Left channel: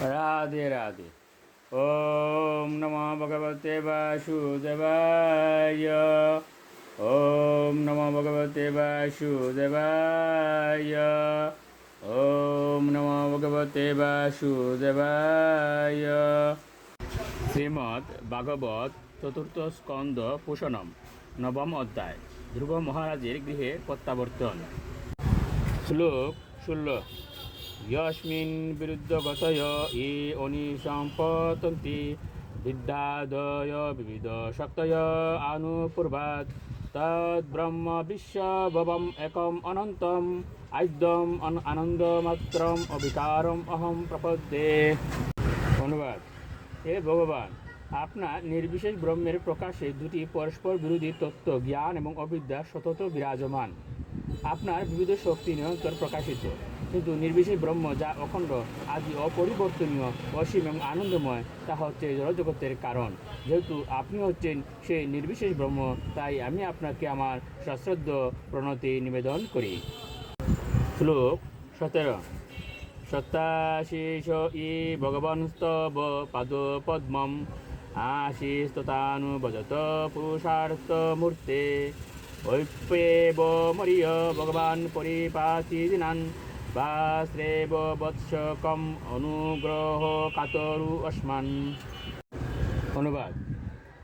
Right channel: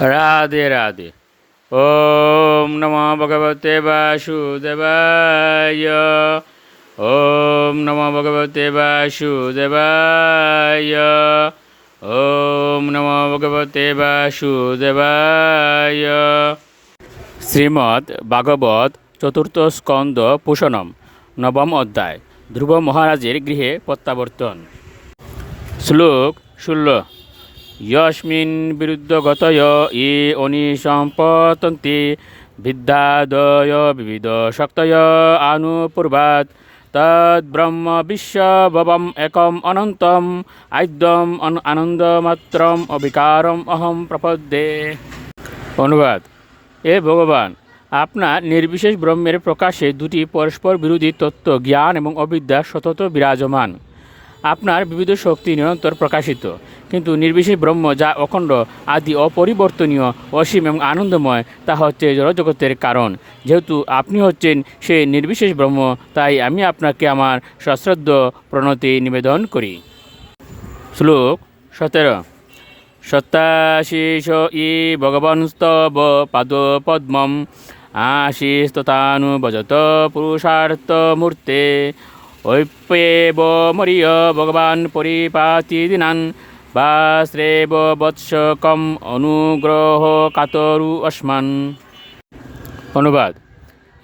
রাধে রাধে। ওম নমো ভগবতে বাসুদেবায়। ওম নমো ভগবতে বাসুদেবায়। ওম নমো ভগবতে বাসুদেবায়। শ্রীমদ্ ভাগবত চতুর্থ স্কন্দ পুষণম নবম অধ্যায়। ধ্রুব মহারাজের গৃহে প্রত্যাবর্তন। শ্লোক 16। यस्मिन् विरुद्धगतय ये अनिसम्पतन्ति विद्यादय विविधशक्तय आनुपूर्वात् तद्ब्रह्म विश्वभवम् एकम् अनन्तम् आद्यम् आनन्दमात्रम् अविकारम् अहं प्रपद्ये। অনুবাদ। এ ভগবান, আপনার নির্বিশেষ ব্রহ্মের প্রকাশে দুটি পরস্পর বিরোধী তত্ত্ব জ্ঞান এবং অবিদ্যা সতত বিরাজমান। আপনার বিবিধ শক্তি নিরন্তর প্রকাশিত, কিন্তু নির্বিশেষ ব্রহ্ম যা অখণ্ড, আদি, অপরিবর্তনীয়, অসীম এবং আনন্দময়, তা হচ্ছে জড়জগতের কারণ। যেহেতু আপনি হচ্ছেন সেই নির্বিশেষ ব্রহ্ম, তাই আমি আপনাকে আমার সশ্রদ্ধ প্রণতি নিবেদন করি। শ্লোক 17। সত্যাশিষ ই ভগবনস্তব পাদপদ্মম আশিস্ততানুভজত পুরুষার্থমূর্তে ঐপ্যেব মরিয় ভগবান পরিপাতি দিনান বা শ্রেব বৎসকম অনুগ্রহ কাতরু অস্মান। অনুবাদ।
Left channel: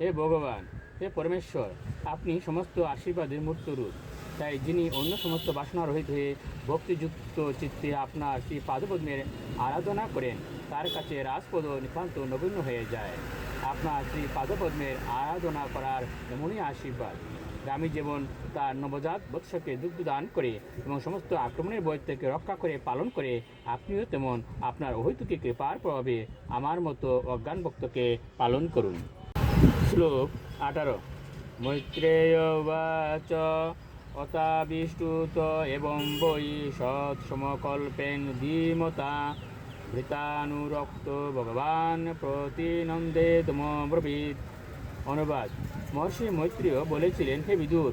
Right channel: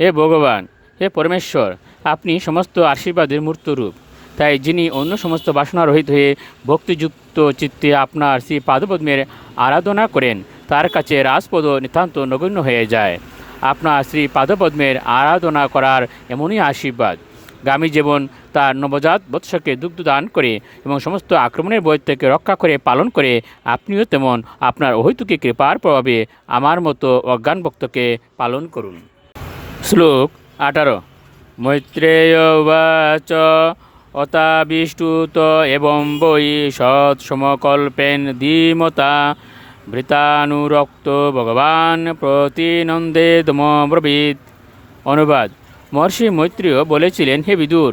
হে ভগবান, হে পরমেশ্বর, আপনি সমস্ত আশীর্বাদের মূর্তরূপ। তাই যিনি অন্য সমস্ত বাসনা রহিত হয়ে ভক্তিযুক্ত চিত্তে আপনার শ্রী পাদপদ্মের আরাধনা করেন, তার কাছে রাজপদ নিতান্ত নগণ্য হয়ে যায়। আপনার শ্রী পাদপদ্মের আরাধনা করার এমনই আশীর্বাদ। গামী যেমন তার নবজাত বৎসকে দুগ্ধ দান করে এবং সমস্ত আক্রমণের ভয় থেকে রক্ষা করে পালন করে, আপনিও তেমন আপনার অহৈতুকী কৃপার প্রভাবে আমার মতো অজ্ঞান ভক্তকে পালন করুন। শ্লোক 18। মৈত্রেয় উবাচ অতাবিষ্টুত এবং বৈ সৎসমকল্পেন ধীমতা ভৃতানুরক্ত ভগবান প্রতিনন্দেদমব্রবীৎ। অনুবাদ। মহর্ষি মৈত্রেয় বলেছিলেন, হে বিদুর,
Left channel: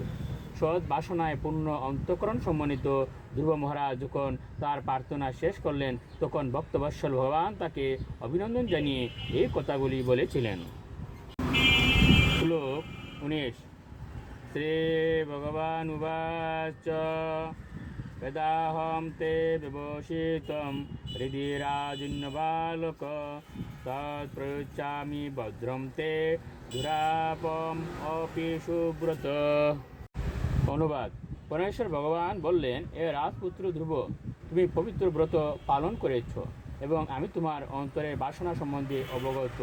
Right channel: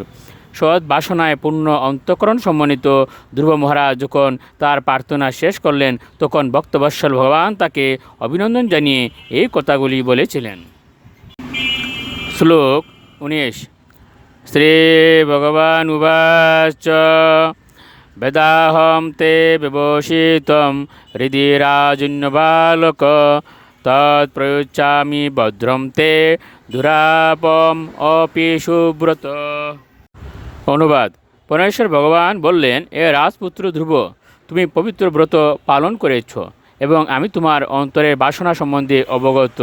সৎ বাসনায় পূর্ণ অন্তঃকরণ সম্মানিত ধ্রুব মহারাজ যখন তার প্রার্থনা শেষ করলেন, তখন ভক্তবৎসল ভগবান তাকে অভিনন্দন জানিয়ে এই কথাগুলি বলেছিলেন। শ্লোক 19। শ্রী ভগবান উবাচ বেদাহম তে বিভূষিতম হৃদি রাজন্যবালক তৎপ্রয়োচ্যামি ভদ্রম তে দুরাপম অপি সুব্রত। অনুবাদ। পরমেশ্বর ভগবান বললেন, এ রাজপুত্র ধ্রুব, তুমি পবিত্র ব্রত পালন করেছ এবং আমি তোমার অন্তরের বাসনা সম্বন্ধে অবগত।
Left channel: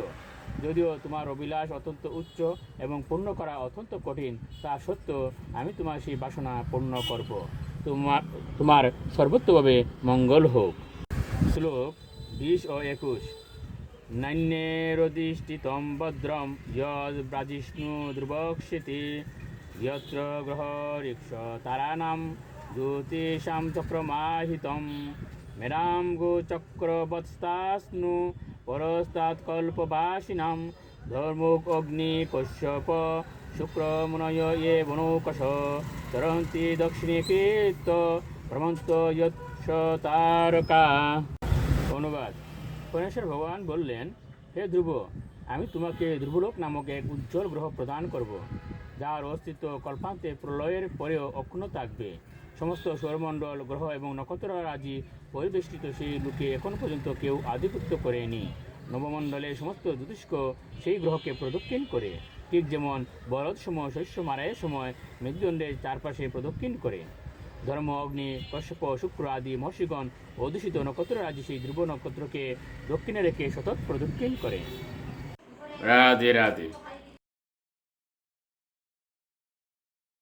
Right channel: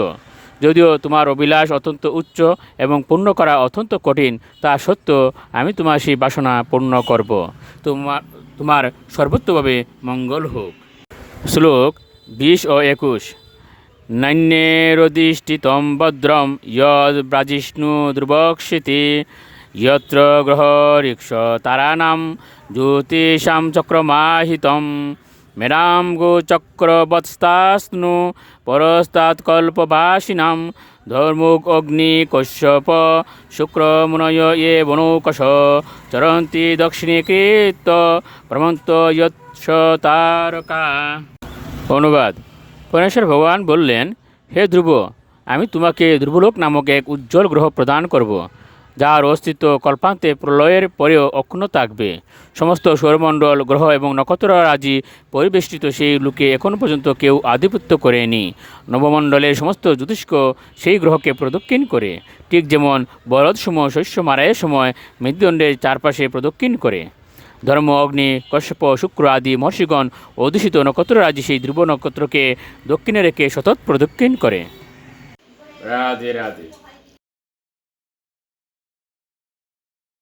যদিও তোমার অভিলাষ অত্যন্ত উচ্চ এবং পূর্ণ করা অত্যন্ত কঠিন, তা সত্ত্বেও আমি তোমার সেই বাসনা পূর্ণ করব। তোমার সর্বত্রভাবে মঙ্গল হোক। শ্লোক 20 ও 21। নান্যেরধিষ্ঠিতম ভদ্রম যদ ব্রাজিষ্ণু ধ্রুবক্ষিতি যত্র গ্রহ ঋক্ষ তারানাম জ্যোতিষাম চক্রমাহিতম মেরাম গোচক্রবৎস্তাস্নু পরস্তাৎকল্পবাসিনাম ধর্মুক অগ্নি কশ্যপ শুক্রমুনয় এ বনৌকশ চরন্তি দক্ষিণীকৃত ভ্রমন্ত যৎস তারকা। অনুবাদ। পরমেশ্বর ভগবান বললেন, হে ধ্রুব, আমি তোমাকে ধ্রুবলোক নামক এক উজ্জ্বল গ্রহ প্রদান করব, যার অস্তিত্ব কল্পান্তে প্রলয়ের পরেও অক্ষুণ্ণ থাকবে। সমস্ত সৌরমণ্ডল, গ্রহ এবং নক্ষত্ররাজি পরিবেষ্টিত সেই লোকে এখনও পর্যন্ত কেউ আধিপত্য করেনি। নবমণ্ডলের সমস্ত জ্যোতিষ্ক সেই গ্রহকে প্রদক্ষিণ করে, ঠিক যেমন বলদসমূহ শস্য মারাইয়ের সময় মৃত্যুদণ্ডের চারপাশে প্রদক্ষিণ করে। ধর্ম, অগ্নি, কশ্যপ, শুক্র আদি মহর্ষিগণ অধ্যুষিত নক্ষত্ররাজি সেই ধ্রুব নক্ষত্রকে দক্ষিণে রেখে সতত প্রদক্ষিণ করে। রাধে রাধে।